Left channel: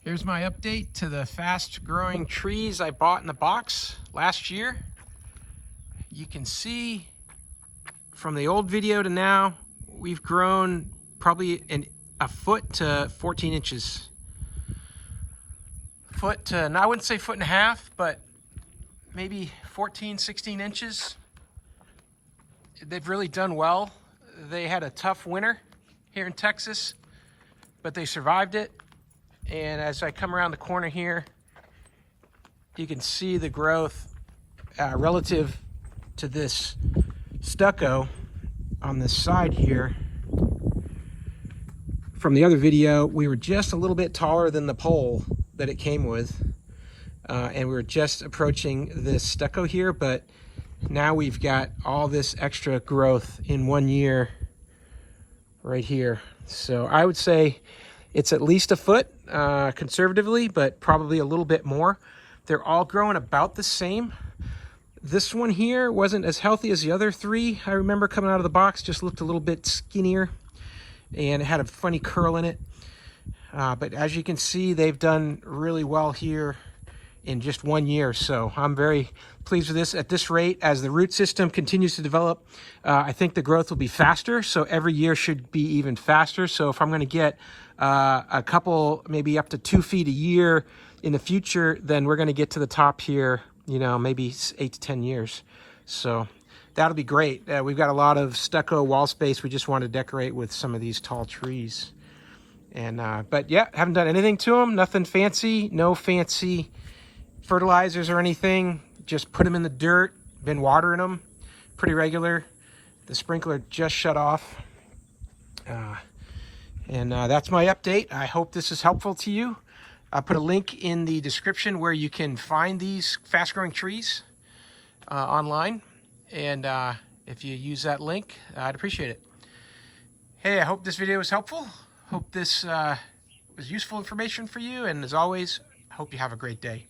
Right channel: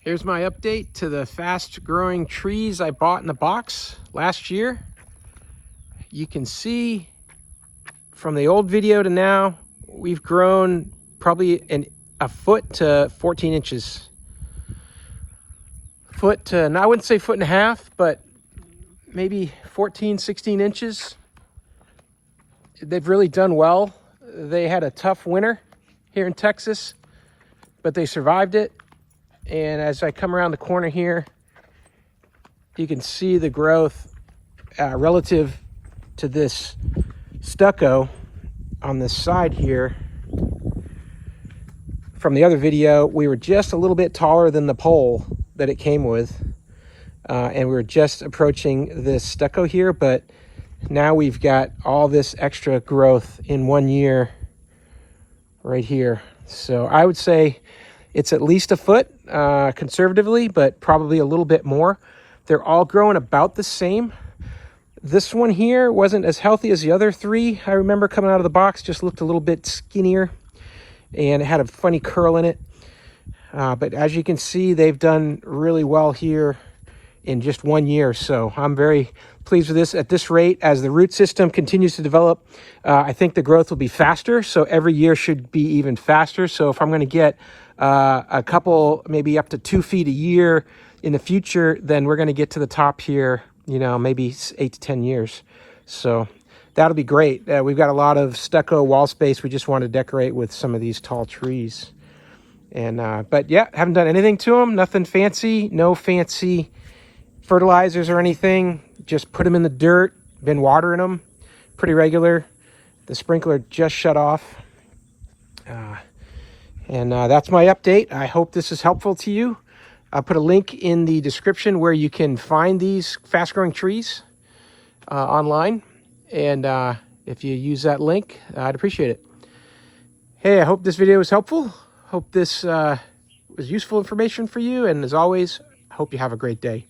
Here's my update to the fast growing trees I bought in the box last year. You can see from the old video to now, we've grown probably a foot to 14 inches. Foot to, I wouldn't say foot and a half, but maybe 14, 16 inches. They've really done well. They had a tough winter here in Texas, but they survived it. And as I come around the corner here, you can see the growth relative to this stucco on this side here. From the other video, we were just a little bit taller than the pole that it came with. And we were just approaching this stucco here, but now we've got all this extra growth in 1 year right here. So I would say it's at least a foot conservatively, but probably a little bit more. They're all growing about the same. This one here wasn't as healthy as the other three. I remember coming out of the box, just looked a little bit skinnier and it had a funny curl in it. But as you can see, they've done really well here in just 1 year. So I'm very pleased with this. At this rate, as the root system continues to develop, I think the growth will be faster. So every year should be even faster. So if I'm going to get a couple, maybe up to 2 feet a year in the future, then we're going to get to the top here, you know, maybe 8 to 10 years. So that'll be great. We've got a lot of stucco wall space. We just want to decorate with some of these tall trees. And but yeah, haven't done anything to them. Nothing fancy. No fancy fertilizers or anything. Just put them in the dirt. Been watering them pretty regular. The sprinkler just shut off. And that's my update. I hope this is helpful to you. I'll put a link in the description where you can find these fast-growing trees online. And if you use that link, I'd appreciate it. Hey, I hope this video was helpful. Hope this was useful information for you. And as always, I hope you have a great day.